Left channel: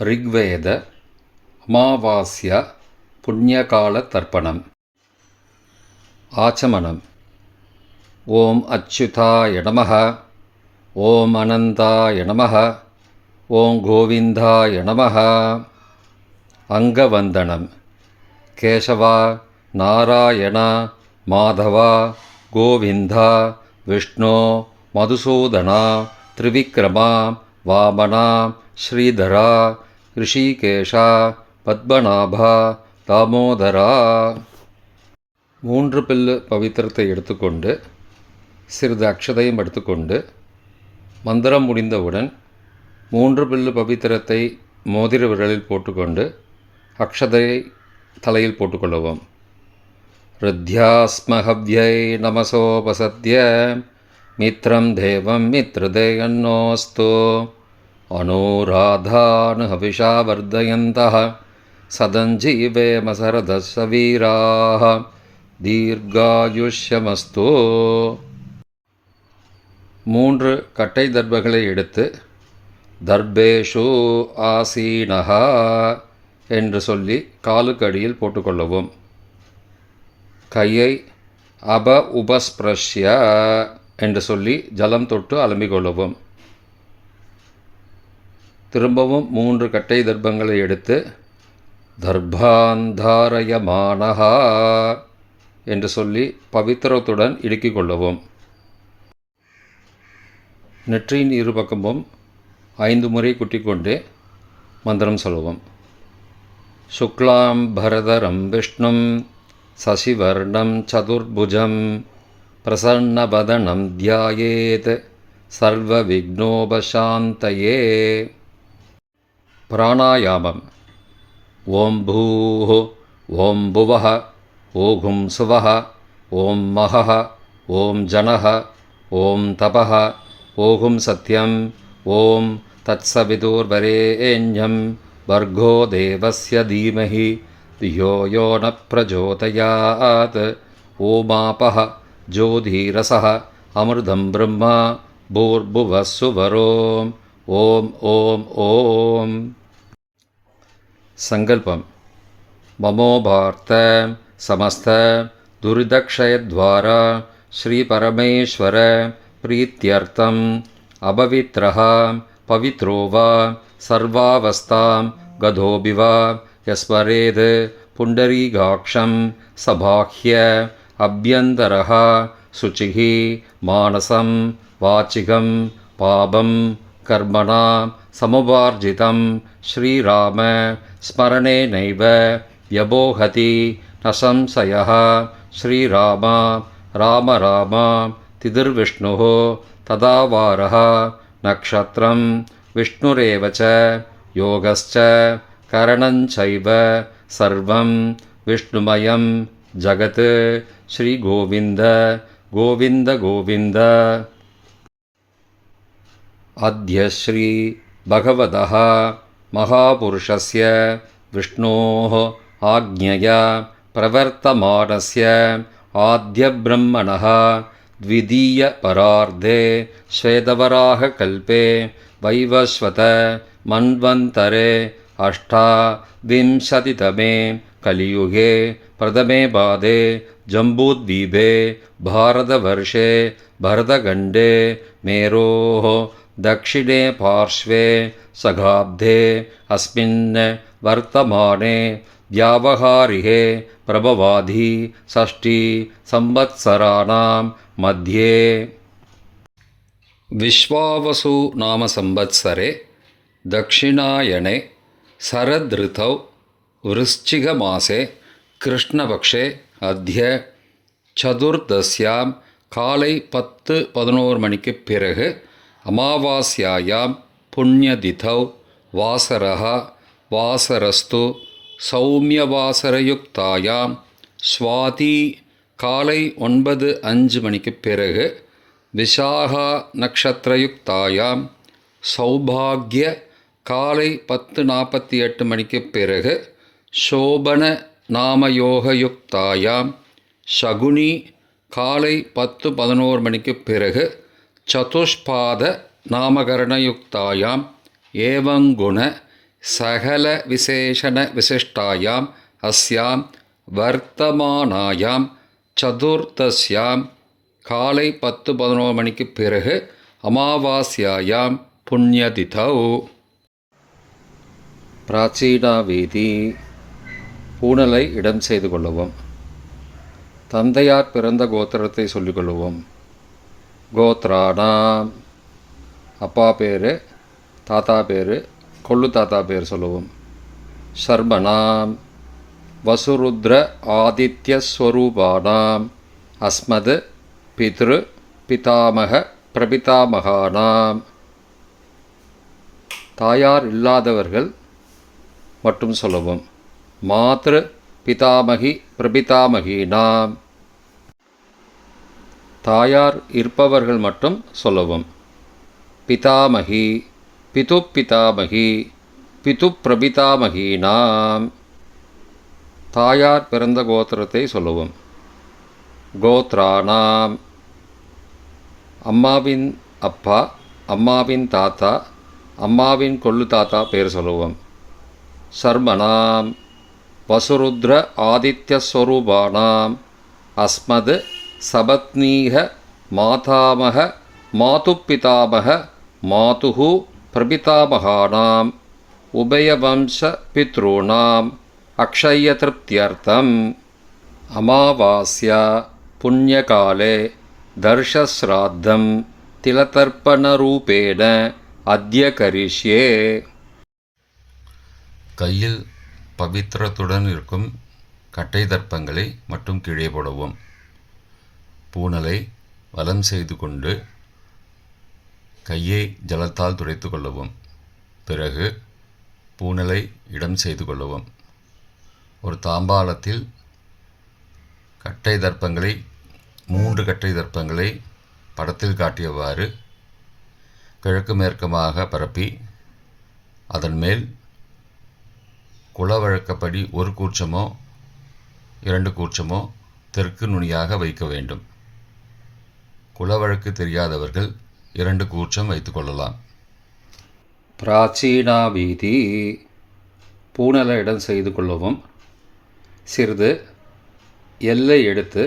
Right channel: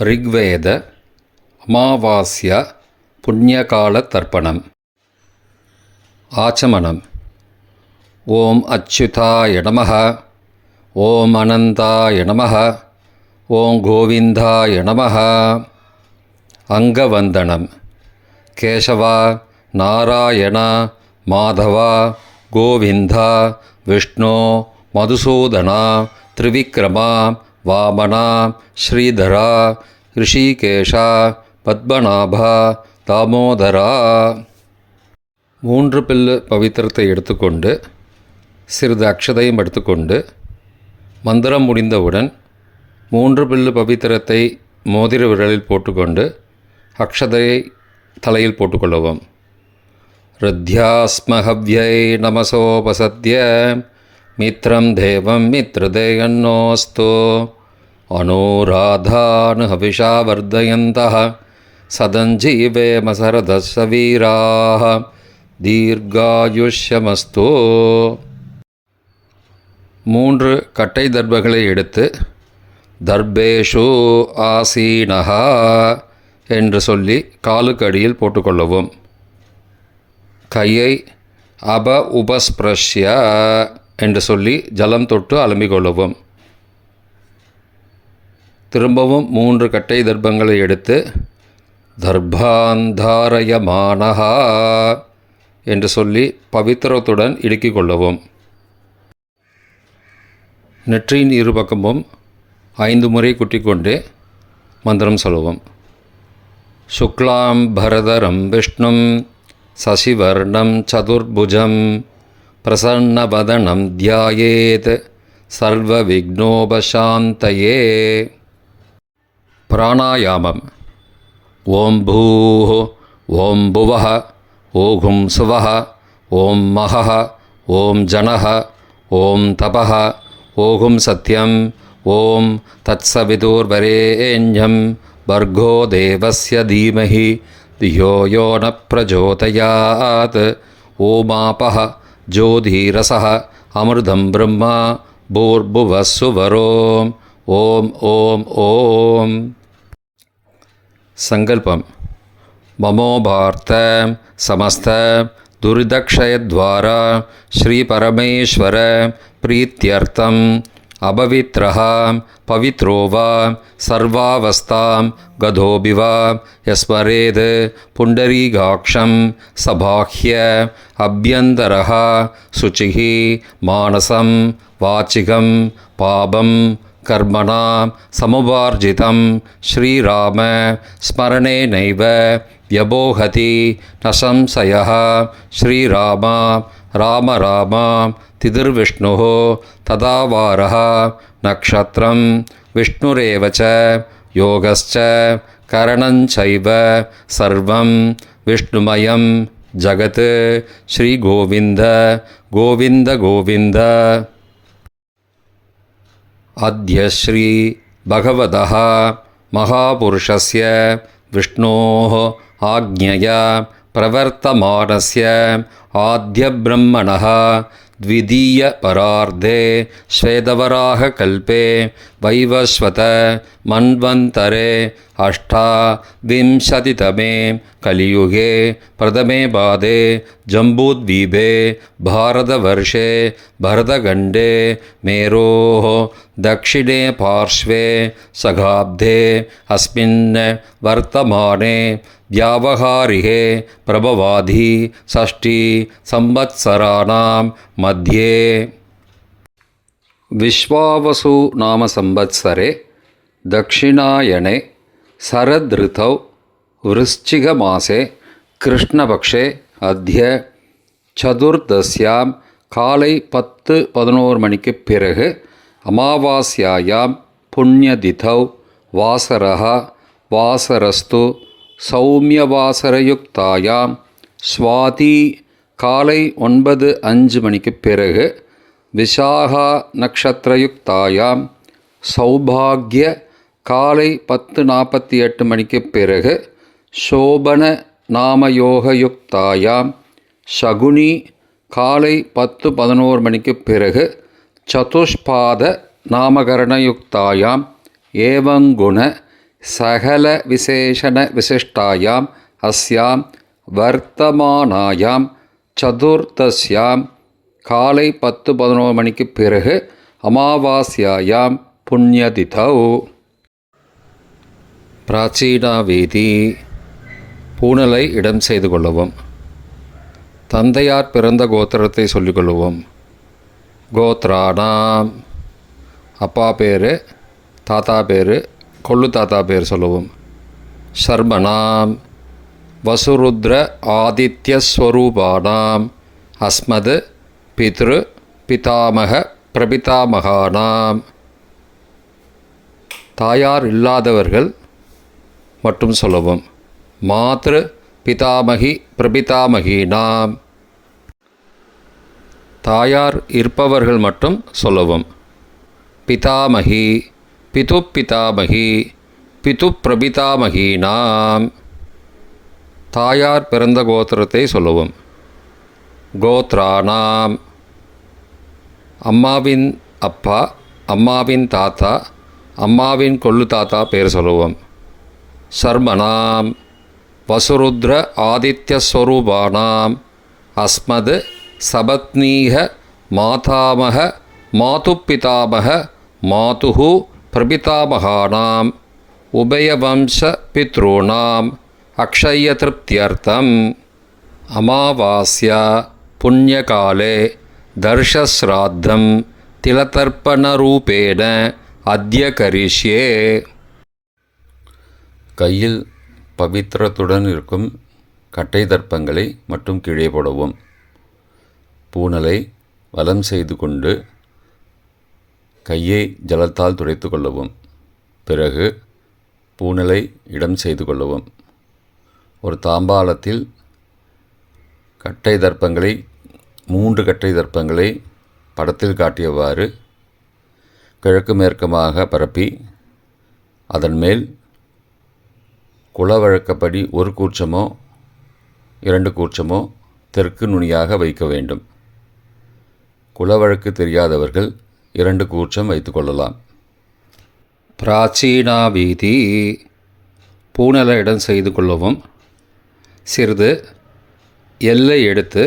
ரிக்வேத அமாவாஸ்யா புண்ணியகால தர்ப்பணம். ஆச்சமனம். ஓம் அச்சுதாய நமः. ஓம் அனந்தாய நமः. ஓம் கோவிந்தாய நமः. அங்கவந்தனம். கேசவா, நாராயணா, மாதவா, கோவிந்தா, விஷ்ணு, மதுசூதனா, திரிவிக்ரமா, வாமனா, ஸ்ரீதரா, ரிஷிகேஷா, பத்மநாபா, தாமோதரா. 3 பில்லு பவித்திரத்தை எடுத்துக்கொண்டு சிறிது அக்ஷதையும் எடுத்துக்கொண்டு மந்திரம் முடிந்தவுடன் 3 பில்லு பவித்திரத்தை மோதிர விரலில் போட்டுக்கொண்டு அக்ஷதையை தலையில் போட்டுக்கொள்ளவும். ருத்யாஸ்மஹவ்யை நமசோபசத்ய மித்ரம் தேவம் மித்ரதேயன்னோஸ்து அனுராதானு ஹவிஷா வர்தயந்தः சதஞ்சீவேம சரதஸ்ஸ வீராः தீர்காயுஷ்யமஸ்து. 3 கட்டை தர்பங்களை எடுத்து தர்பேஷு ஆசீனஹா என்று சொல்லி காலுக்கு அடியில் போட்டுக்கொள்ளவும். கையை உபஸ்பிரஷ்ய என்று சொல்லி ஜலம் தொட்டு அலம்பிக்கொள்ளவும். திரும்பவும் 3 கட்டை தர்பங்களை எடுத்து தர்பாந்தாரயமானஹா என்று சொல்லி பவித்திரத்துடன் இடுக்கிக் கொள்ளவும். நெற்றியின் இருபக்கமும் 5 முறை குட்டிக்கொண்டே மந்திரம் சொல்லவும். சுக்லாம் பரதரம் விஷ்ணும் சசிவர்ணம் சதுர்புஜம் பிரசன்னவதனம் தியாயேத் சர்வ விக்னோபசாந்தயே. பிராணாயாமம். ஓம் பூः ஓம் புவः ஓகும் சுவः ஓம் மகः ஓம் ஜனः ஓம் தபः ஓகும் சத்யம் ஓம் தத்சவிதுர்வரேண்யம் பர்கோ தேவஸ்ய தீமஹி தியோ யோ ந பிரச்சோதயாத். ஓமாபः ஜோதிரசः அமிர்தம் பிரம்மா பூர்புவः சுவரோம். ஓம் ஓம் ஓம். சங்கல்பம். மமோபார்த்த சமஸ்த துரிதக்ஷயத்வாரா ஸ்ரீ பரமேஸ்வர பிரீத்யர்த்தம் அபவித்ரஹ பவித்ரோ வா சர்வாவஸ்தாம் கதோபி வா யஸ்மரேத் புண்டரீகாக்ஷம் சபாஹ்ய அப்யந்தரஹ சுச்சிः மானசம் வாச்சிகம் பாபம் கர்மணா சமுபார்ஜிதம் ஸ்ரீராம ஸ்மரணேனைவ வ்யபோஹதி ந சம்சயः. ஸ்ரீராமா ராம ராமா திதிர்விஷ்ணுः ததாவாரः நக்ஷத்ரம் விஷ்ணுரேவ ச யோகஸ்ச கரணஞ்சைவ சர்வம் விஷ்ணுமயம் ஜகத். ஸ்ரீ கோவிந்த கோவிந்த கோவிந்த. அத்ய ஸ்ரீ பகவதः மகாபுருஷஸ்ய விஷ்ணோः ஆக்ஞயா பிரவர்த்தமானஸ்ய ஆத்யப்ரம்மணः த்விதீய பரார்த்தே ஸ்வேதவராக கல்பே வைவஸ்வத மன்வந்தரே அஷ்டாவிம்சதிதமே கலியுகே பிரதமே பாதே ஜம்பூத்வீபே பாரதவர்ஷே பரதகண்டே மேரோः दक्षिणे पार्श्वे सगाब्धे अस्मिन् वर्तमाने व्यावहारिके प्रभवाधि षष्ठी संवत्सराणां मध्ये. विश्वावसु नाम संवत्सरे दक्षिणायने शरदृतौ वृश्चिकमासे कृष्णपक्षे अद्य சதுர்தஸ்யாம் காலை 10-11 மணிக்கு பிறகு அமாவாஸ்யாயாம் புண்ணியதிதௌ வாசரஹ வாசரஸ்து சௌமியவாசரயுக்தாயாம் ஸ்வாதி காலை 9-5 மணிக்கு பிறகு விசாகா நக்ஷத்திரயுக்தாயாம் சௌபாக்ய காலை 10:48 மணிக்கு பிறகு சோபன நாமயோகயுக்தாயாம் சகுனி காலை 10-11 மணிக்கு பிறகு சதுஷ்பாத நாமகரணயுக்தாயாம் ஏவங்குண சகல விசேஷண விசிஷ்டாயாம் அஸ்யாம் வர்த்தமானாயாம் சதுர்தஸ்யாம் காலை 10-11 மணிக்கு பிறகு அமாவாஸ்யாயாம் புண்ணியதிதௌ. பிராச்சீனாவேதி பூணலை இடம் செய்து கொள்ளவும். தந்தையார் பிறந்த கோத்திரத்தை சொல்லிக்கொள்ளுவோம். கோத்ரானாம் அப்பா பேர், தாத்தா பேர், கொள்ளு தாத்தா பேர் சொல்லுவோம். சர்மனாம் வசுருத்ர ஆதித்யஸ்வரூபானாம் அஸ்மது பித்ரு பிதாமக பிரபிதாமகானாம். தாயார் இல்லாதவர்கள் மட்டும் சொல்லவும். மாத்ரு பிதாமகி பிரபிதாமகீனாம். தாயார் இருப்பவர்கள் மட்டும் சொல்லவும். பிதாமகி பிது பிதாமகி பிது பிரபிதாமகீனாம். தாயார் பிறந்த கோத்திரத்தை சொல்லவும். கோத்ரானாம் அம்மாவின் அப்பா, அம்மாவின் தாத்தா, அம்மாவின் கொள்ளு தாத்தா பேர் சொல்லுவோம். சர்மனாம் வசுருத்ர ஆதித்யஸ்வரூபானாம் அஸ்மது சபத்னீக மாதாமக மாதுப்பிதாமக மாதுஹு பிரபிதாமகானாம் உபயவம்ச பித்ருணாம் அக்ஷயத்ருப்தியர்த்தம் அமாவாஸ்யா புண்ணியகாலே தர்ஷஸ்ராத்தம் திலதர்ப்பணரூபேண அத்ய கரிஷ்யே. கையில் பவித்திரத்துடன் இருக்கும் கட்டை தர்ப்பங்களை மட்டும் கீழே போடவும். பூணலை வலம் செய்து கொண்டு கையை ஜலத்தால் துடைத்து கொள்ளவும். பிறகு பூணலை இடம் செய்து கொள்ளவும். ஒரு தாம்பாளத்தில் கட்டை தர்ப்பங்களை 3 கட்டை தர்ப்பங்களை படத்தில் காட்டியவாறு கிழக்கு மேற்கமாக பரப்பி அதன் மேல் குலவழக்கப்படி 1 கூர்ச்சமோ 2 கூர்ச்சமோ தெற்கு நுனியாக வைக்க வேண்டும். குலவழக்கு தெரியாதவர்கள் 2 கூர்ச்சம் வைத்துக்கொள்ளலாம். பிராச்சீனாவீதி பூணலை இடம் செய்து கொள்ளவும். சிறிது எல்லை எடுத்து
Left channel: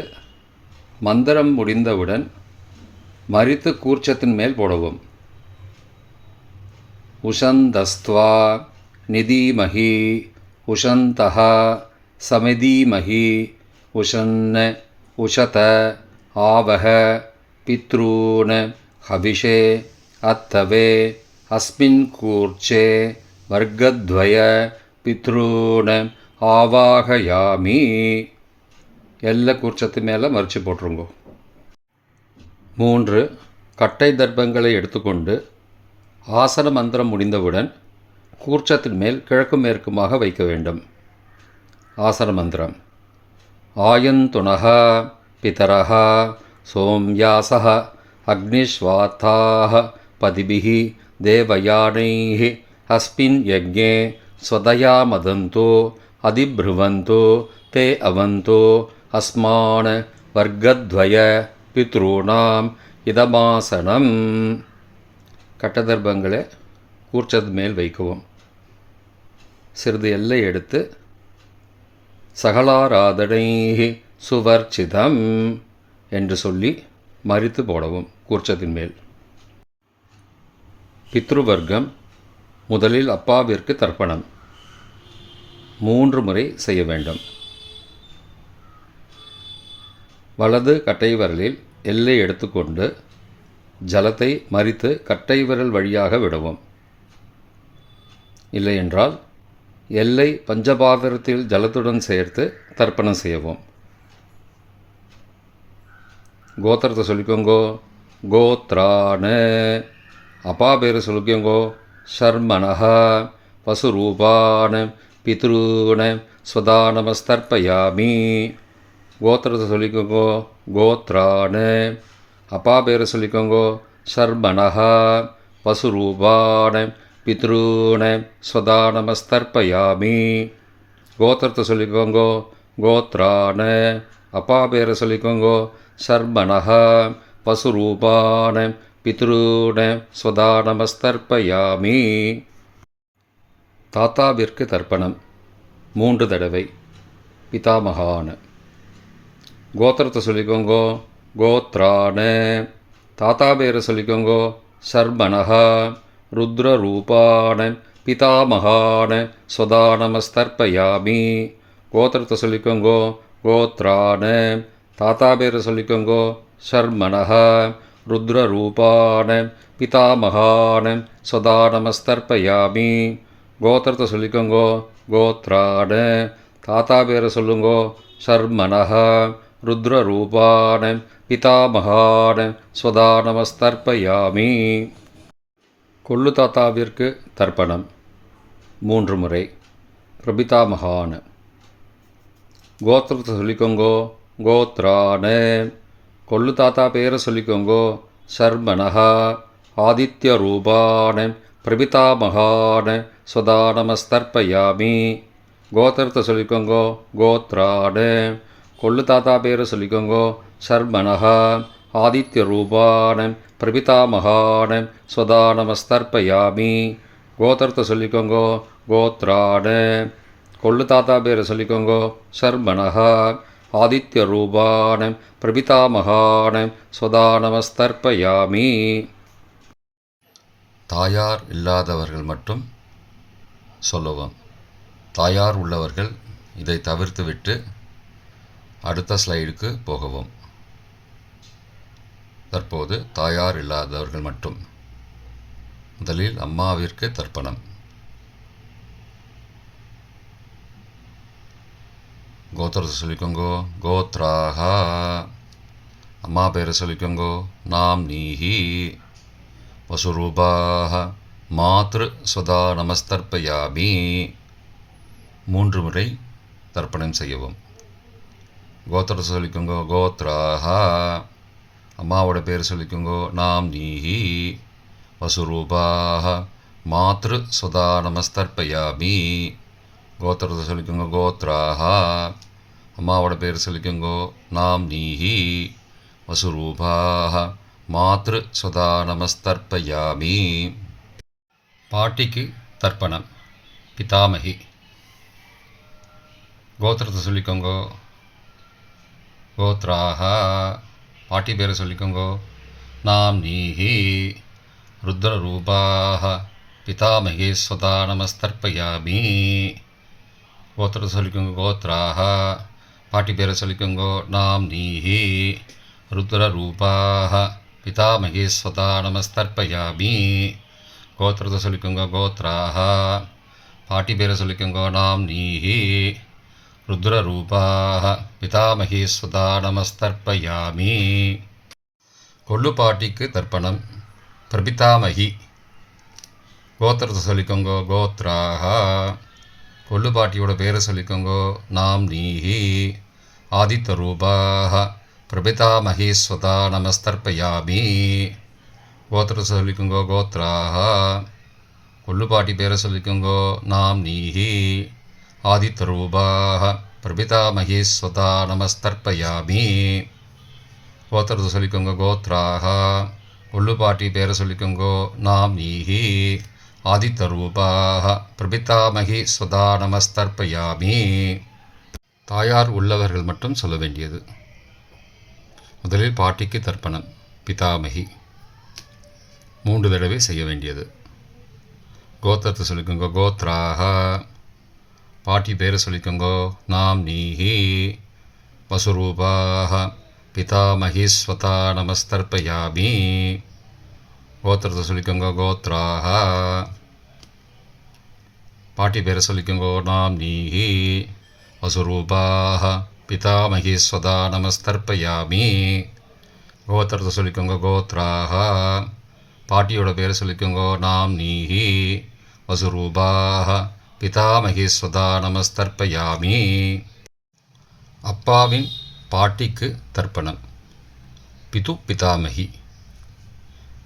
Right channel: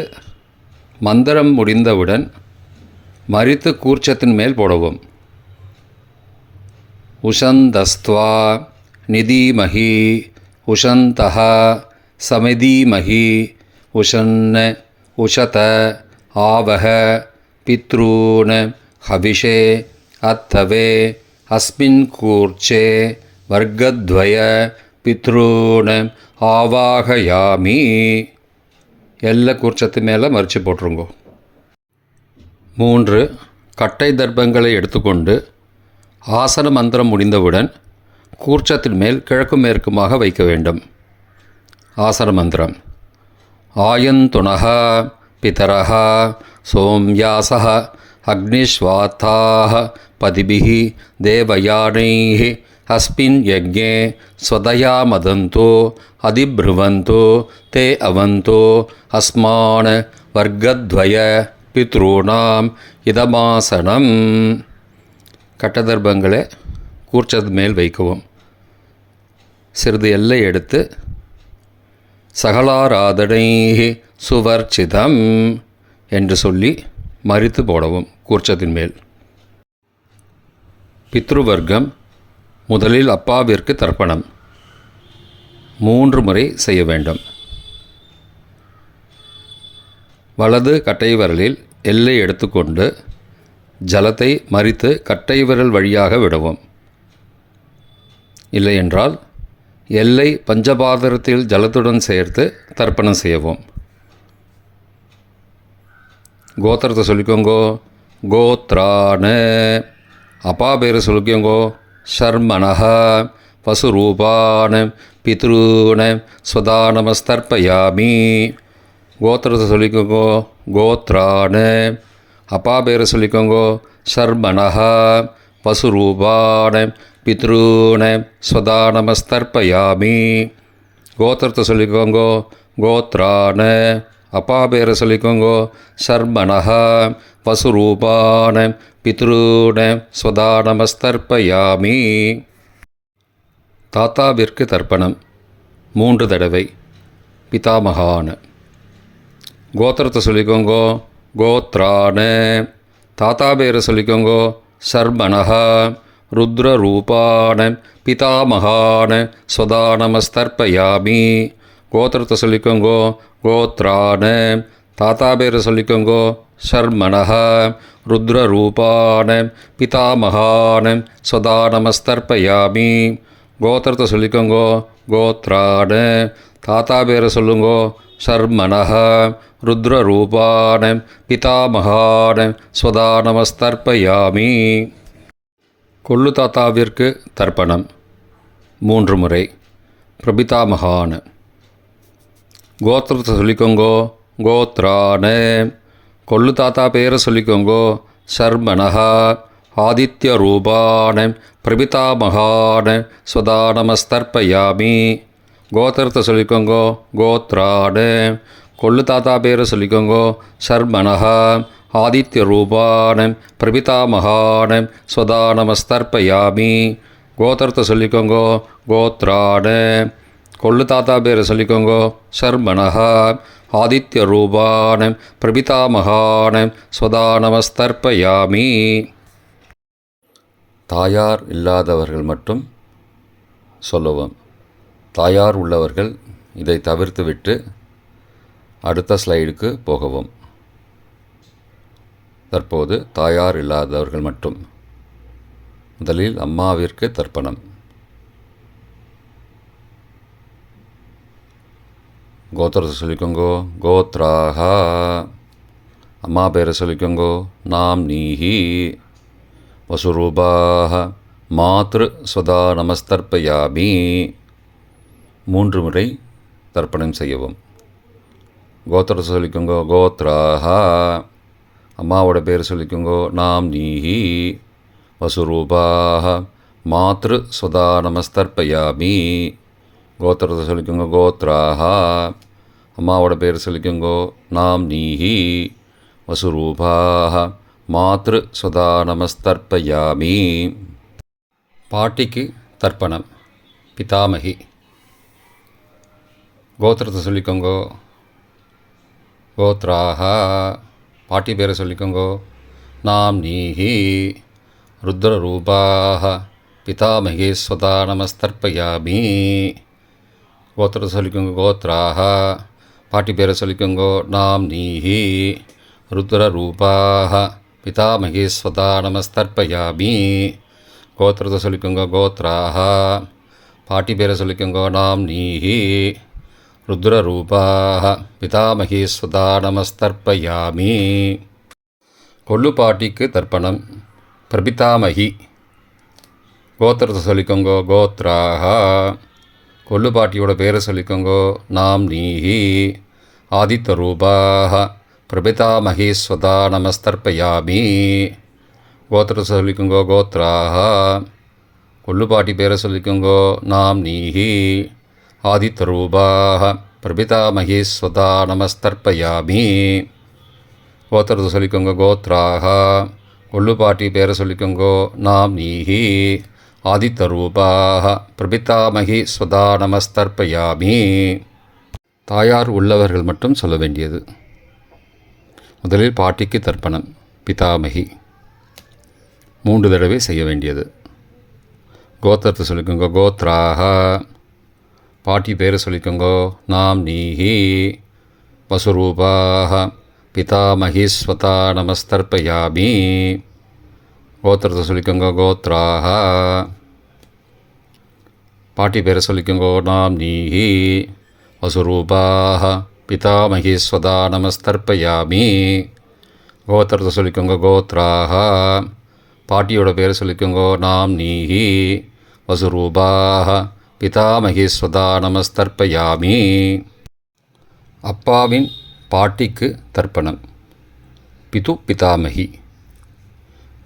மந்திரம் முடிந்தவுடன் மரித்து கூர்ச்சத்தின் மேல் போடவும். உஷந்தஸ்த்வா நிதீமஹி உஷந்தஹ சமிதீமஹி உஷன்ன உஷத ஆவஹ பித்ரூன ஹவிஷே அத்தவே அஸ்மின் கூர்ச்சே வர்க்கத்வய பித்ரூன ஆவாகயாமி. எல்லா கூர்ச்சத்து மேலே மறித்து போட்டுருங்கோ. 3 கட்டை தர்ப்பங்களை எடுத்துக்கொண்டு ஆசன மந்திரம் முடிந்தவுடன் கூர்ச்சத்தின் மேல் கிழக்கு மேற்குமாக வைக்க வேண்டும். ஆசன மந்திரம். ஆயந்துணஹ பிதரஹ சோம்யாசஹ அக்னிஸ்வாத்தாஹ பதிபிஹி தேவயானைஹ அஸ்மின் யஜ்ஞே ஸ்வதயா மதந்தோ அதிப்ருவந்தோ தே அவந்தோ அஸ்மான் வர்க்கத்வய பித்ருணாம் இதமாசனம். கட்டதர்ப்பங்களை கூர்ச்சது மேல் வைக்கவும். சிறிது எல்லை எடுத்து சகலாராதனை சுவர்ச்சிதம் என்று சொல்லி மறித்து போடவும் கூர்ச்சத்தின் மேல். பித்ருவர்க்கம். முதலில் அப்பாவிற்கு தர்ப்பணம் 3 முறை செய்ய வேண்டும். வலது கட்டை விரலில் எல்லை எடுத்துக்கொண்டு ஜலத்தை மறித்து கட்டை விரல் வழியாக விடவும். இல்லையென்றால் எல்லை பஞ்சபாத்திரத்தில் ஜலத்துடன் சேர்த்து தர்ப்பணம் செய்யவும். கோத்திரத்தை சொல்லிக்கோங்கோ. கோத்ரான அப்பா பேர் சொல்லிக்கோங்கோ. ஷர்மணஹ வசுரூபான பித்ருன ஸ்வதானமஸ்தர்ப்பயாமி. கோத்திரத்தை சொல்லிக்கோங்கோ. கோத்ரான அப்பா பேர் சொல்லிக்கோங்கோ. ஷர்மணஹ வசுரூபான பித்ருன ஸ்வதானமஸ்தர்ப்பயாமி. கோத்திரத்தை சொல்லிக்கோங்கோ. கோத்ரான அப்பா பேரை சொல்லிக்கோங்கோ. ஷர்மணஹ வசுரூபான பித்ருன ஸ்வதானமஸ்தர்ப்பயாமி. தாத்தாவிற்கு தர்ப்பணம் 3 தடவை. பிதாமகான. கோத்திரத்தை சொல்லிக்கோங்கோ. கோத்ரான. தாத்தா பேரை சொல்லிக்கோங்கோ. சர்மணஹ. ருத்ரரூபான பிதாமகான ஸ்வதா நமஸ்தர்ப்பயாமி. கோத்திரத்தை சொல்லிக்கோங்கோ. கோத்ரான. தாத்தா பேரை சொல்லிக்கோங்கோ. சர்மணஹ. ருத்ரரூபான பிதாமகான ஸ்வதா நமஸ்தர்ப்பயாமி. கோத்திரத்தை சொல்லிக்கோங்கோ. கோத்ரான. தாத்தா பேரை சொல்லுங்கோ. சர்மணஹ. ருத்ரரூபான பிதாமகான ஸ்வதா நமஸ்தர்ப்பயாமி. கொள்ளு தாத்தாவிற்கு தர்ப்பணம் 3 முறை. பிரபிதாமகான. கோத்திரத்தை சொல்லிக்கோங்கோ. கோத்ரான. கொள்ளு தாத்தா பேரை சொல்லிக்கோங்கோ. சர்மணஹ. ஆதித்ய ரூபான பிரபிதாமகான ஸ்வதா நமஸ்தர்ப்பயாமி. கோத்திரத்தை சொல்லிக்கோங்கோ. கோத்ரான. கொள்ளு தாத்தா பேரை சொல்லிக்கோங்கோ. சர்மணஹ. ஆதித்ய ரூபான பிரபிதாமகான ஸ்வதா நமஸ்தர்ப்பயாமி. கோத்திரத்தை சொல்லிக்கோங்கோ. கோத்ரான. கொள்ளு தாத்தா பேரை சொல்லிக்கோங்கோ. சர்மணஹ. ஆதித்ய ரூபான பிரபிதாமகான ஸ்வதா நமஸ்தர்ப்பயாமி. தாயார் இல்லாதவர்கள் மட்டும் சொல்லவும். தாயார் உள்ளவர்கள் இதை தவிர்த்துவிட்டு அடுத்த ஸ்லைடுக்கு போகவும். தற்போது தாயார் இல்லாதவர்கள் மட்டும். முதலில் அம்மாவிற்கு தர்ப்பணம். கோத்திரத்தை சொல்லிக்கோங்கோ. கோத்ராஹ. அம்மா பேரை சொல்லிக்கோங்கோ. நாம் நீஹி. வசுரூபாஹ. மாத்ரு ஸ்வதா நமஸ்தர்ப்பயாமி. 3 முறை தர்ப்பணம் செய்யவும். கோத்திரத்தை சொல்லிக்கோங்கோ. கோத்ராஹ. அம்மாவோட பேர் சொல்லிக்கோங்கோ. நாம் நீஹி. வசுரூபாஹ. மாத்ரு ஸ்வதா நமஸ்தர்ப்பயாமி. கோத்திரத்தை சொல்லிக்கோங்க. கோத்ராஹ. அம்மாவோட பேர் சொல்லிக்கோங்கோ. நாம் நீஹி. வசுரூபாஹ. மாத்ரு ஸ்வதா நமஸ்தர்ப்பயாமி. பாட்டிக்கு தர்ப்பணம். பிதாமகி. கோத்திரத்தை சொல்லிக்கோங்கோ. கோத்ராஹ. பாட்டி பேரை சொல்லிக்கோங்கோ. நாம் நீஹி. ருத்ரரூபாஹ பிதாமகி ஸ்வதா நமஸ்தர்ப்பயாமி. கோத்திரத்தை சொல்லிக்கோங்க. கோத்ராஹ. பாட்டி பேரை சொல்லிக்கோங்கோ. நாம் நீஹி. ருத்ரரூபாஹ பிதாமகி ஸ்வதா நமஸ்தர்ப்பயாமி. கோத்திரத்தை சொல்லிக்கோங்க. கோத்ராஹ. பாட்டி பேரை சொல்லிக்கோங்கோ. நாம் நீஹி. ருத்ரரூபாஹ பிதாமகி ஸ்வதா நமஸ்தர்ப்பயாமி. கொள்ளு பாட்டிக்கு தர்ப்பணம். பிரபிதாமகி. கோத்திரத்தை சொல்லிக்கோங்கோ. கோத்ராஹ. கொள்ளு பாட்டியோட பேரை சொல்லிக்கோங்கோ. நாம் நீஹி. ஆதித்ய ரூபாஹ பிரபிதாமகி ஸ்வதா நமஸ்தர்ப்பயாமி. கோத்திரத்தை சொல்லிக்கோங்கோ. கோத்ராஹ. கொள்ளு பாட்டி பேரை சொல்லிக்கோங்கோ. நாம் நீஹி. ஆதித்ய ரூபாஹ பிரபிதாமகி ஸ்வதா நமஸ்தர்ப்பயாமி. கோத்திரத்தை சொல்லிக்கோங்க. கோத்ராஹ. கொள்ளு பாட்டி பேரை சொல்லிக்கோங்கோ. நாம் நீஹி. ஆதித்ய ரூபாஹ பிரபிதாமகி ஸ்வதா நமஸ்தர்ப்பயாமி. தாயார் உள்ளவர்கள் மட்டும் சொல்ல வேண்டியது. முதலில் பாட்டிக்கு தர்ப்பணம். பிதாமகி 3 தடவை செய்ய வேண்டியது. கோத்திரத்தை சொல்லிக்கோங்க. கோத்ராஹ. பாட்டி பேரை சொல்லிக்கோங்கோ. நாம் நீஹி. வசுரூபாஹ பிதாமகி ஸ்வதா நமஸ்தர்ப்பயாமி. கோத்திரத்தை சொல்லிக்கோங்க. கோத்ராஹ. பாட்டி பேரை சொல்லிக்கோங்கோ. நாம் நீஹி. வசுரூபாஹ பிதாமகி ஸ்வதா நமஸ்தர்ப்பயாமி. கோத்திரத்தை சொல்லிக்கோங்க. கோத்ராஹ. பாட்டியோட பேரை சொல்லிக்கோங்கோ. நாம் நீஹி. வசுரூபாஹ பிதாமகி ஸ்வதா நமஸ்தர்ப்பயாமி. அப்பாவின் பாட்டிக்கு தர்ப்பணம். பிது பிதாமகி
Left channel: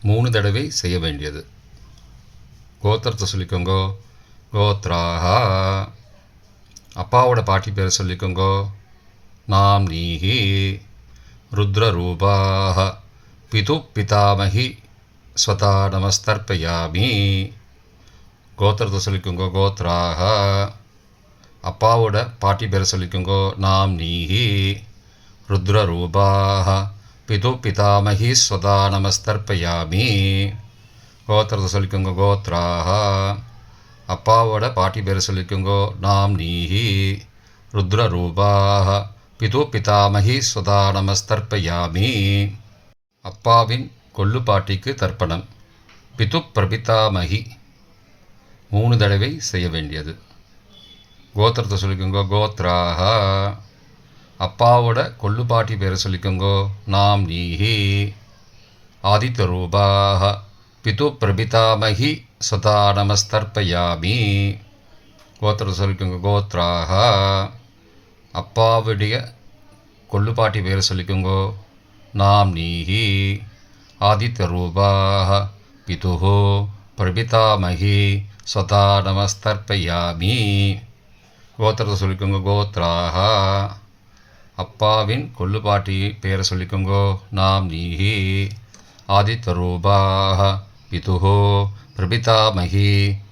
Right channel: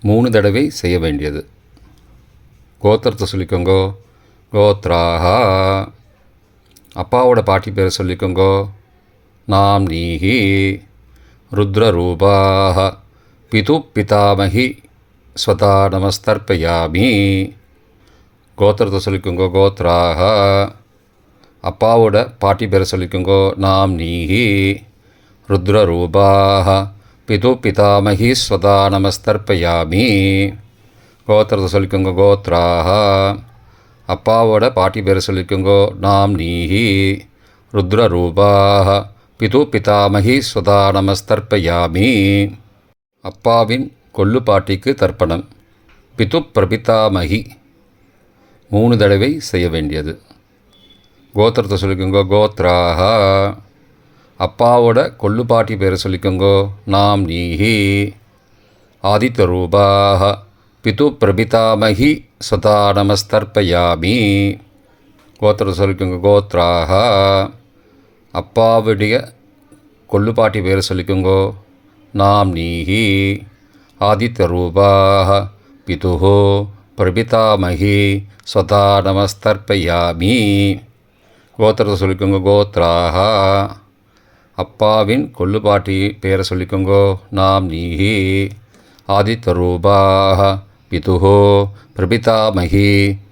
3 தடவை செய்ய வேண்டியது. கோத்திரத்தை சொல்லிக்கோங்கோ. கோத்ராஹ. அப்பாவோட பாட்டி பேரை சொல்லிக்கோங்கோ. நாம் நீஹி. ருத்ரரூபாஹ பிது பிதாமகி ஸ்வதா நமஸ்தர்ப்பயாமி. கோத்திரத்தை சொல்லிக்கோங்க கோத்ராக. அப்பாவோட பாட்டி பேரை சொல்லிக்கோங்க நாம் நீஹி. ருத்ரரூபாக பிது பிதாமகி ஸ்வதா நமஸ்தர்ப்பயாமி. கோத்திரத்தை சொல்லிக்கோங்க கோத்ராக. அப்பாவோட பாட்டி பேரை சொல்லிக்கோங்க நாம் நீஹி. ருத்ரரூபாக பிது பிதாமகி ஸ்வதா நமஸ்தர்ப்பயாமி. அப்பாவின் கொள்ளு பாட்டிக்கு தர்ப்பணம். பிது பிரபிதாமகி 3 தடவை செய்ய வேண்டியது. கோத்திரத்தை சொல்லிக்கோங்க கோத்ராக. அப்பாவோட கொள்ளு பாட்டி பேரை சொல்லிக்கோங்க நாம் நீஹி. ஆதித்யரூபாக பிது பிரபிதாமகி ஸ்வதா நமஸ்தர்ப்பயாமி. கோத்திரத்தை சொல்லிக்கோங்க கோத்ராக. அப்பாவுடைய கொள்ளு பாட்டி பேரை சொல்லிக்கோங்க நாம் நீஹி. ஆதித்யரூபாக பிதுஹோ பிரபிதாமகி ஸ்வதா நமஸ்தர்ப்பயாமி. கோத்திரத்தை சொல்லிக்கோங்க கோத்ராக. அப்பாவின் கொள்ளு பாட்டி பேரை சொல்லிக்கோங்க நாம் நீஹி. ஆதித்யரூபாக பிதுஹோ பிரபிதாமகி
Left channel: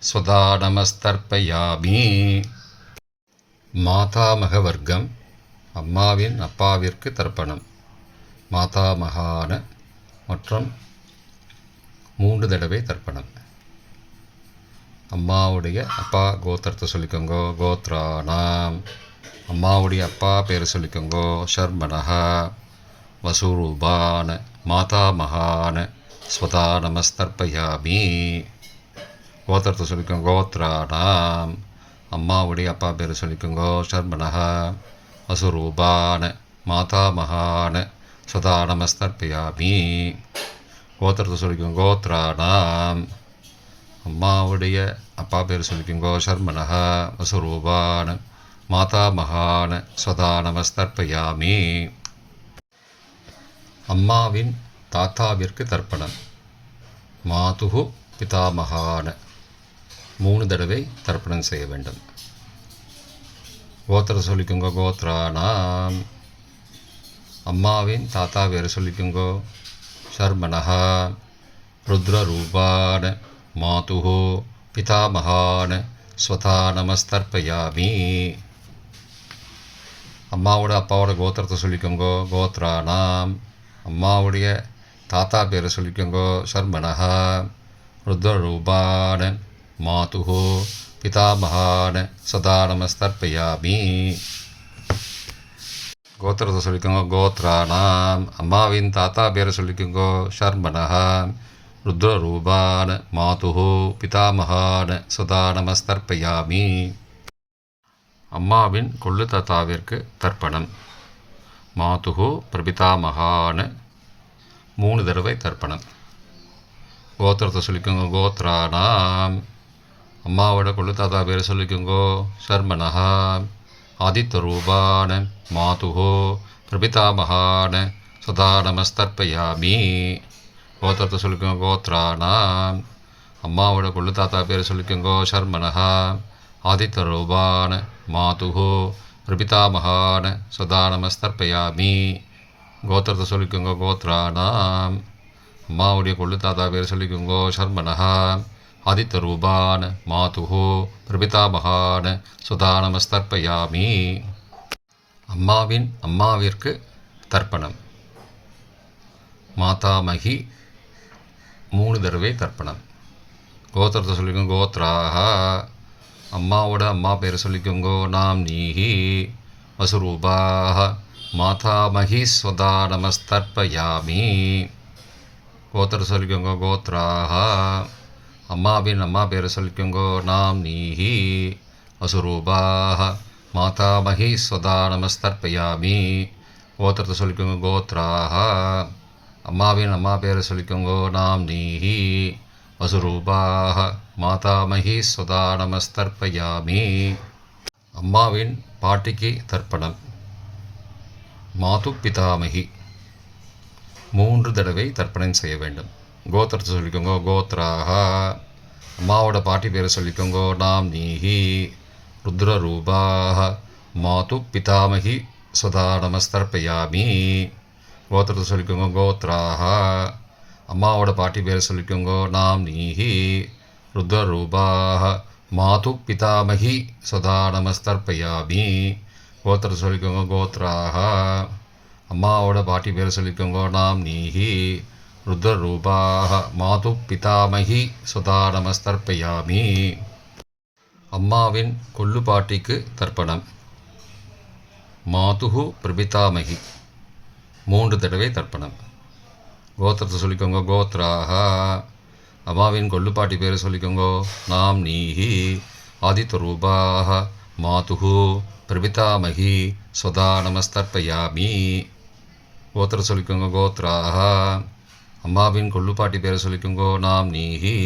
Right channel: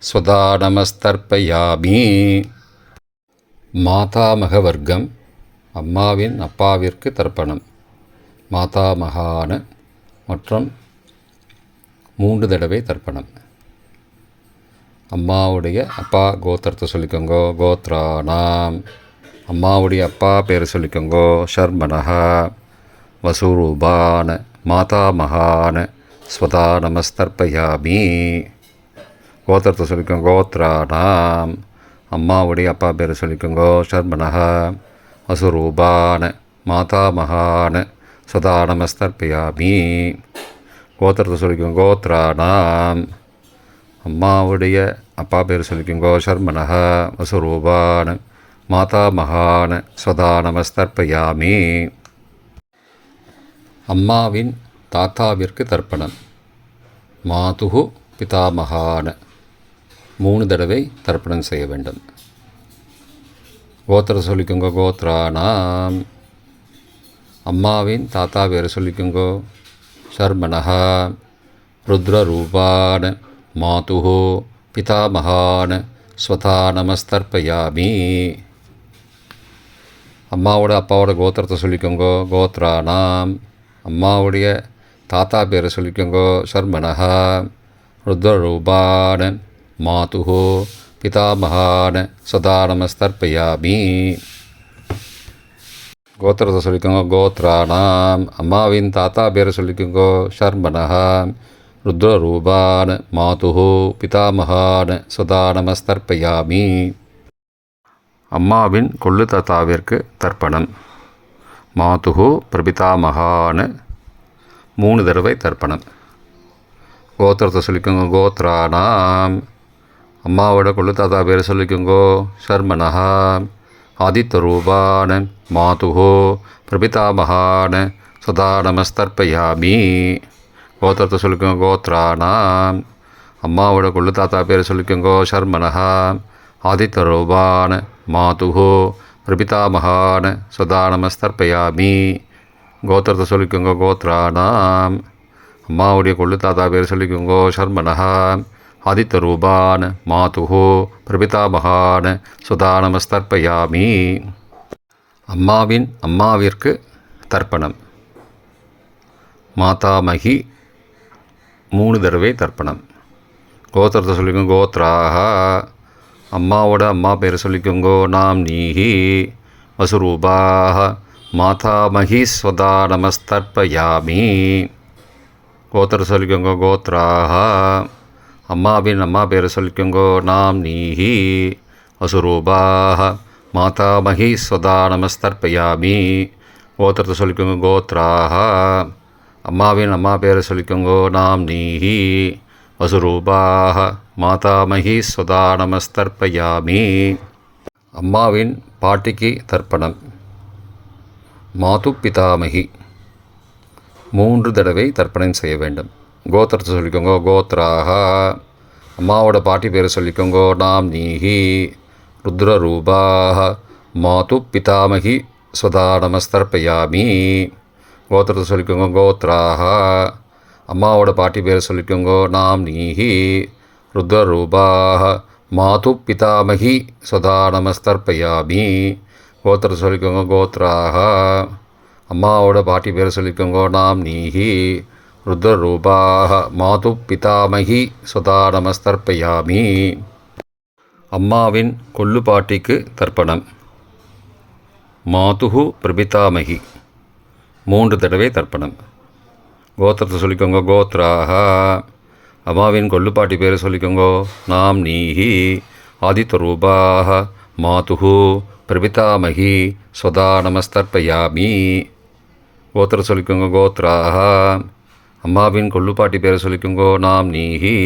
ஸ்வதா நமஸ்தர்ப்பயாமி. மாதாமக வர்க்கம். அம்மாவின் அப்பாவிற்கு தர்ப்பணம். மாதாமகான மற்றும் 3 தடவை தர்ப்பணம். அம்மாவுடைய அப்பா கோத்திரத்தை சொல்லிக்கோங்க கோத்ரானாம். அம்மாவுடைய அப்பா பேரை சொல்லிக்கோங்க ஷர்மனஹா. வசூரூபான மாதாமகான ஸ்வதா நமஸ்தர்ப்பயாமி. கோத்திரத்தை சொல்லிக்கோங்க கோத்ரானாம். அம்மாவுடைய அப்பா பேரை சொல்லிக்கோங்க ஷர்மனஹா. வசூரூபான மாதாமகான ஸ்வதா நமஸ்தர்ப்பயாமி. கோத்திரத்தை சொல்லிக்கோங்க கோத்ரானாம். அம்மாவுடைய அப்பா பேர் சொல்லிக்கோங்க ஷர்மனஹ. வசுரூபான மாதாமகான ஸ்வதா நமஸ்தர்ப்பயாமி. அம்மாவின் தாத்தாவிற்கு தர்ப்பணம். மாதுகு பிதாமகான 3 தடவை தர்ப்பணம் செய்ய வேண்டும். கோத்திரத்தை சொல்லிக்கோங்க கோத்ரானாம். அம்மாவின் தாத்தா பேர் சொல்லிக்கோங்க ஷர்மனஹ. ருத்ரரூபான மாதுஹோ பிதாமகான ஸ்வதா நமஸ்தர்ப்பயாமி. அம்மாவோட அப்பாவோட கோத்திரத்தை சொல்லிக்கோங்க கோத்ரானாம். அம்மாவுடைய தாத்தா பேரை சொல்லிக்கோங்க ஷர்மனஹ. ருத்ரரூபான மாதுஹோ பிதாமகான ஸ்வதா நமஸ்தர்ப்பயாமி. கோத்திரத்தை சொல்லிக்கோங்க கோத்ரானாம். அம்மாவின் தாத்தா பேரை சொல்லிக்கோங்க ஷர்மனஹ. ருத்ரரூபான மாதுஹோ பிதாமகான ஸ்வதா நமஸ்தர்ப்பயாமி. அம்மாவின் கொள்ளு தாத்தாவிற்கு தர்ப்பணம். மாதுஹோ பிரபிதாமகான 3 தடவை தர்ப்பணம். கோத்திரத்தை சொல்லிக்கோங்க கோத்ரானாம். அம்மாவோட கொள்ளு தாத்தா பேரை சொல்லிக்கோங்க ஷர்மனஹ. ஆதித்யரூபான மாதுஹோ பிரபிதாமகான ஸ்வதா நமஸ்தர்ப்பயாமி. கோத்திரத்தை சொல்லிக்கோங்க கோத்ரானாம். அம்மாவோட கொள்ளு தாத்தா பேரை சொல்லிக்கோங்க ஷர்மனஹ. ஆதித்யரூபான மாதுஹோ பிரபிதாமகான ஸ்வதா நமஸ்தர்ப்பயாமி. கோத்திரத்தை சொல்லிக்கோங்க கோத்ரானாம். அம்மாவுடைய கொள்ளு தாத்தா பேர் சொல்லிக்கோங்க ஷர்மனஹ. ஆதித்யரூபான மாதுஹோ பிரபிதாமகான ஸ்வதா நமஸ்தர்ப்பயாமி. அம்மாவின் அம்மாவிற்கு தர்ப்பணம். மாதாமகி 3 தடவை தர்ப்பணம். கோத்திரத்தை சொல்லிக்கோங்க கோத்ராக. அம்மாவோட அம்மா பேரை சொல்லிக்கோங்க நாம் நீஹி. வசுரூபாக மாதாமகி ஸ்வதா நமஸ்தர்ப்பயாமி. கோத்திரத்தை சொல்லிக்கோங்க கோத்ராக. அம்மாவின் அம்மா பேரை சொல்லிக்கோங்க நாம் நீஹி. வசுரூபாக மாதாமகி ஸ்வதா நமஸ்தர்ப்பயாமி. கோத்திரத்தை சொல்லிக்கோங்க கோத்ராக. அம்மாவின் அம்மா பேரை சொல்லிக்கோங்க நாம் நீஹி. வசுரூபாக மாதாமகி ஸ்வதா நமஸ்தர்ப்பயாமி. அம்மாவின் பாட்டிக்கு தர்ப்பணம். மாது பிதாமகி 3 தடவை தர்ப்பணம் செய்ய வேண்டும். கோத்திரத்தை சொல்லிக்கோங்க கோத்ராக. அம்மாவோட பாட்டி பேரை சொல்லிக்கோங்க நாம் நீஹி. ருத்ரரூபாக மாது பிதாமகி ஸ்வதா நமஸ்தர்ப்பயாமி. கோத்திரத்தை சொல்லிக்கோங்க கோத்ராக. அம்மாவோட பாட்டி பேரை சொல்லிக்கோங்க நாம் நீஹி. ருத்ரரூபாः மாது பிதாமகி சதா நமஸ்தர்ப்பயாமி. கோத்திரத்தை சொல்லிக்கோங்க. கோத்ராக. அம்மாவோட பாட்டி பேரை சொல்லிக்கோங்க. நாம் நீஹி. ருத்ரரூபாः மாது பிதாமகி சதா நமஸ்தர்ப்பயாமி. அம்மாவின் கொள்ளு பாட்டிக்கு தர்ப்பணம். மாதுஹு பிரபிதாமகி 3 தடவை தர்ப்பணம். கோத்திரத்தை சொல்லிக்கோங்க. கோத்ராக. அம்மாவின் கொள்ளுப்பாட்டி பேரை சொல்லிக்கோங்க. நாம் நீஹி. ஆதித்யரூபாக மாதுஹு பிரபிதாமகி ஸ்வதா நமஸ்தர்ப்பயாமி. கோத்திரம் சொல்லிக்கோங்க. கோத்ராக. அம்மாவின் கொள்ளுப்பாட்டி பேரை சொல்லிக்கோங்க. நாம் நீஹி.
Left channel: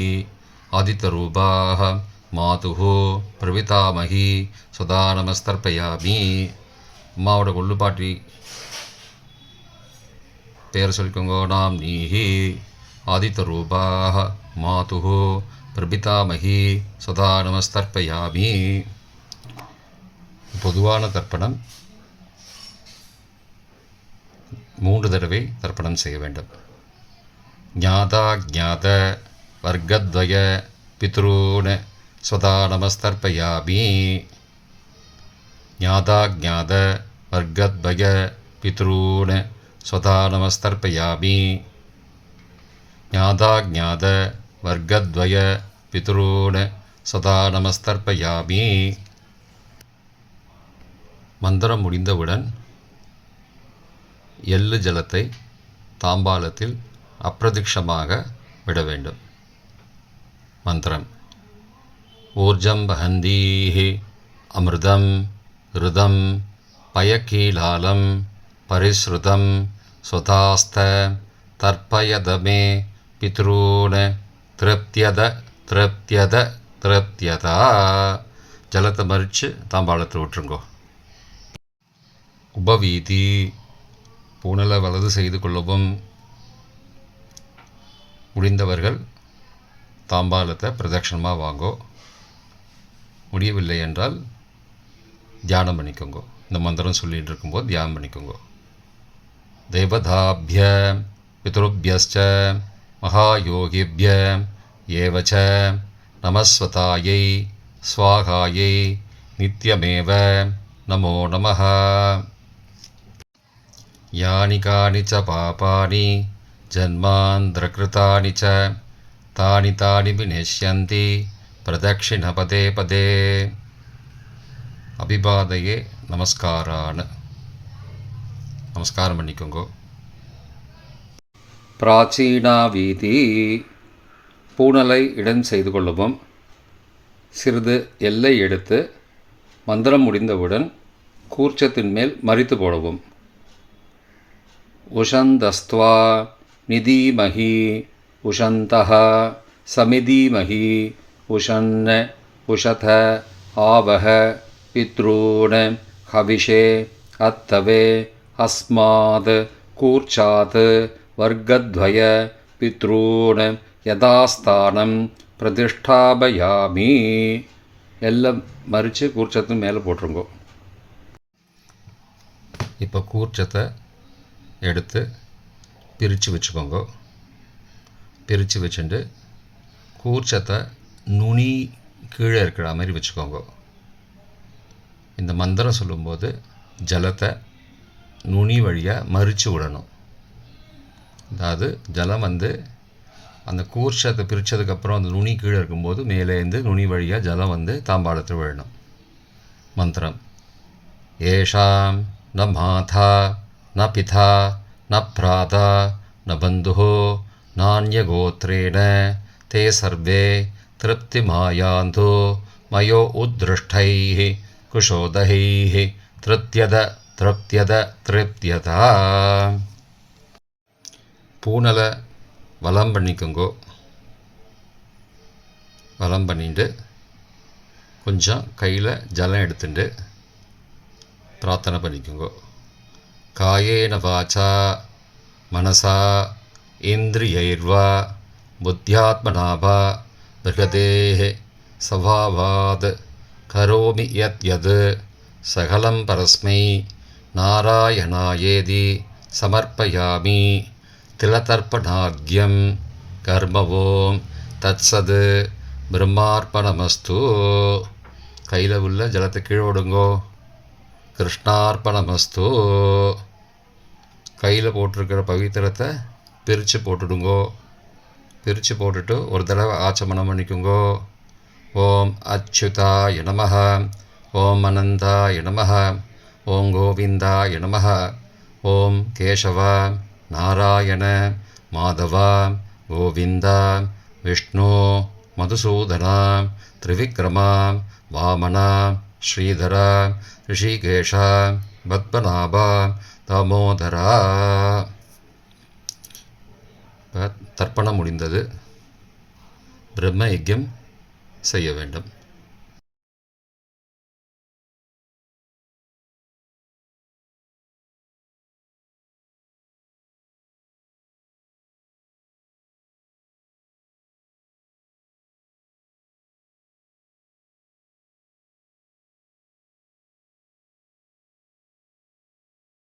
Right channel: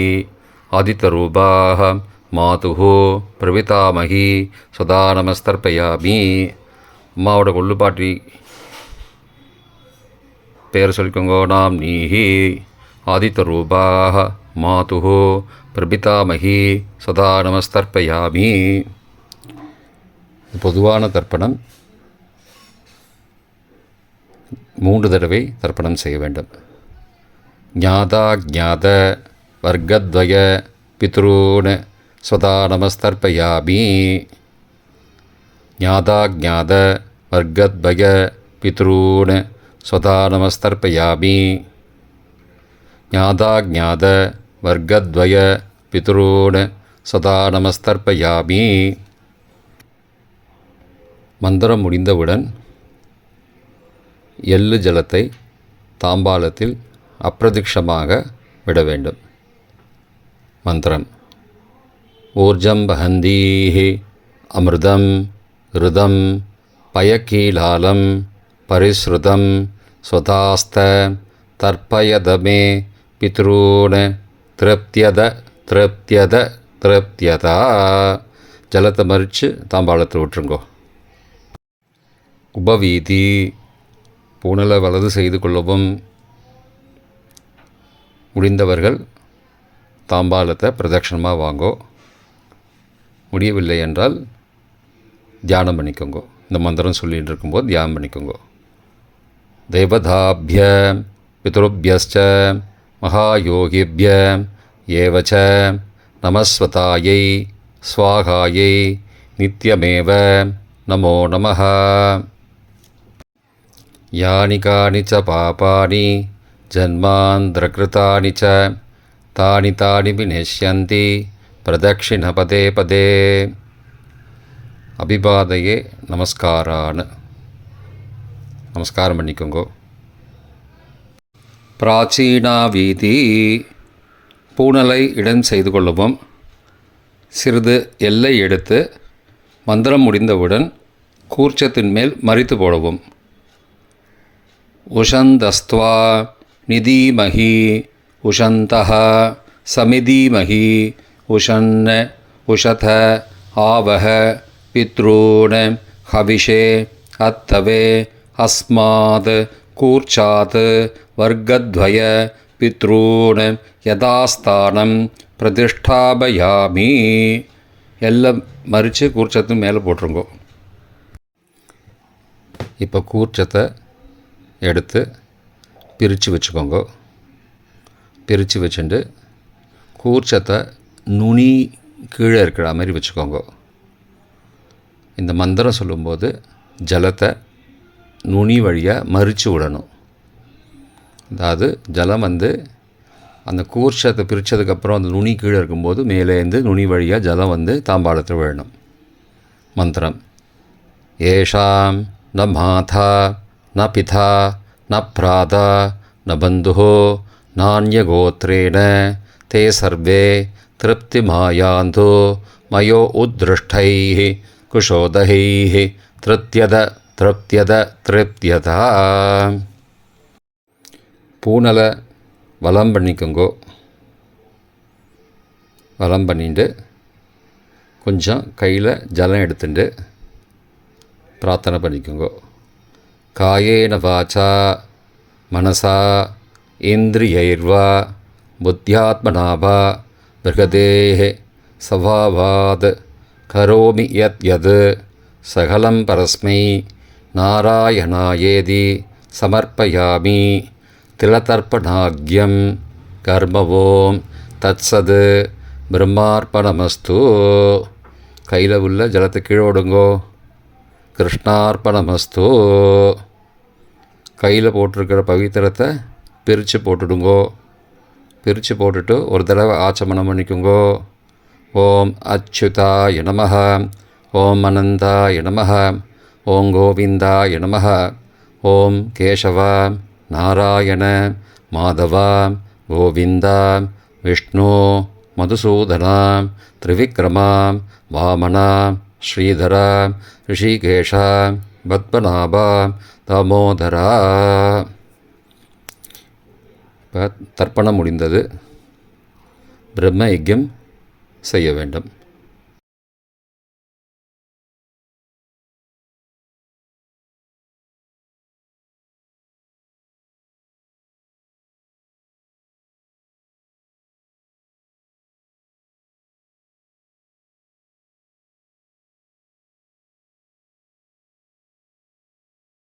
ஆதித்யரூபாக மாதுஹு பிரபிதாமகி ஸ்வதா நமஸ்தர்ப்பயாமி. அம்மாவோட கொள்ளுப்பாட்டி பேர் சொல்லிக்கோங்க. நாம் நீஹி. ஆதித்யரூபாக மாதுஹு பிரபிதாமகி சதா நமஸ்தர்ப்பயாமி. பொதுவான தர்ப்பணம் 3 தடவை தர்ப்பணம் செய்ய வேண்டும். ஞாதா ஞாத வர்க்கத்வய பித்ரூன் சதா நமஸ்தர்ப்பயாமி. ஞாதா ஞாத வர்க்கத்வய பித்ரூன் சதா நமஸ்தர்ப்பயாமி. ஞாதா ஞாத வர்க்கத்வய பித்ரூன் சதா நமஸ்தர்ப்பயாமி. மந்திரம் முடிந்தவுடன் எள்ளு ஜலத்தை தாம்பாளத்தில் அப்பிரதிக்ஷமாக விட வேண்டும். மந்திரம். ஊர்ஜம் வஹந்தீஹி அமிர்தம் ருதம் பயக்கீலாலம் பரிஸ்ருதம் ஸ்வதாஸ்த தர்ப்பயதமே பித்ரூன் திருப்தியத திருப்தியத திருப்தியதா. ஜலத்தை மறித்து தாம்பாளத்தில் விட்டுருங்கோ. உபவீதி. பூணலை வலது செய்து கொள்ளவும். முடிந்தவர்கள் தாம்பாளத்தை பிரதட்சணமாக வாங்கோ. முடியவில்லை என்றால் தியானம் பண்ணிக்கோங்க. இந்த மந்திரம் சொல்லிகிட்டு இருக்கும்போது தியானம் பண்ணிக்கோங்க. தேவதாபிய பித்ருபியஸ்ச மகாயோகிபிய ஏவச்ச நமஸ்வதாயை ஸ்வாகாயை நித்யமேவ நமோ நமः. யானி கானி ச பாபானி ஜன்மாந்திரகிருதானி ச தானி தானி விநஷ்யந்தி பிரதக்ஷிண பதே பதே. அபிபாதையே நமஸ்காரான்னு நமஸ்காரம் பண்ணிக்கோங்கோ. பிராச்சீனா வீதி. பூணலை இடம் செய்து கொள்ளவும். சிறிது எல்லை எடுத்து மந்திரம் முடிந்தவுடன் கூர்ச்சத்தின் மேல் மறித்து போடவும். உஷந்தஸ்த்வா நிதீமஹி உஷந்தஹ சமிதீமஹி உஷன் உஷத ஆவஹ பித்ரூன் ஹவிஷே அத்தவே அஸ்மாத் கூர்ச்சாத் வர்க்கத்வய பித்ரூன் யதாஸ்தானம் பிரதிஷ்டாபயாமி. எல்லாம் மறித்து கூர்ச்சத்து மேலே போட்டுருங்கோ. இப்போ கூர்ச்சத்தை எடுத்து பிரித்து வச்சுக்கோங்க. பிரித்து வச்சுட்டு கூர்ச்சத்தை நுனி கீழே இருக்கிற மாதிரி வச்சுக்கோங்க. இந்த மந்திரம் சொல்லும்போது ஜலத்தை நுனி வழியாக மறித்து விடணும். அதாவது ஜலம் அந்த கூர்ச்சத்தை பிரித்ததுக்கப்புறம் அந்த நுனி கீழே இருக்கும்போது மேலேருந்து நுனி வழியாக ஜலம் தாம்பாளத்தில் விழணும். மந்திரம். ஏஷாம் ந மாதா ந பிதா ந பிராதா ந பந்துஹோ நான்யகோத்ரேண தே சர்வே திருப்திமாயாந்தோ மயோ உத்ருஷ்டைः குஷோதகைः திருப்தியத திருப்தியத திருப்தியதா. பூணலை வலம் பண்ணிக்கோங்கோ. வலம் பண்ணிட்டு கொஞ்சம் கையில் ஜலம் எடுத்துட்டு பிரார்த்தனை பண்ணிக்கோங்கோ. காயேன வாச்சா மனசா இந்திரியைர்வா புத்தியாத்மனாபா பிருகதேஹ சபாவாத் கரோமி யத் யத் சகலம் பரஸ்மை நாராயணாயேதி சமர்ப்பயாமி. திலதர்ப்பணாக்யம் கர்மவோம் தத்சத் பிரம்மார்ப்பணமஸ்து. கையில் உள்ள ஜலத்தை கீழே விடுங்கோ. கிருஷ்ணார்ப்பணமஸ்து. கையில் போட்டிருக்கிற பவித்திரத்தை பிரித்து போட்டுடுங்கோ. பிரித்து போட்டுட்டு ஒரு தடவை ஆச்சமனம் பண்ணிக்குங்கோ. ஓம் அச்சுதாய நமஹ, ஓம் அனந்தாய நமஹ, ஓம் கோவிந்தாய நமஹ, ஓம் கேசவ நாராயண மாதவ கோவிந்த விஷ்ணு மதுசூதன திரிவிக்ரம வாமன ஸ்ரீதர ரிஷிகேஷ பத்மநாப தாமோதரா. இப்போ தர்ப்பணம் முடிந்தது. பிரம்ம யஜ்யம் செய்ய வேண்டும்.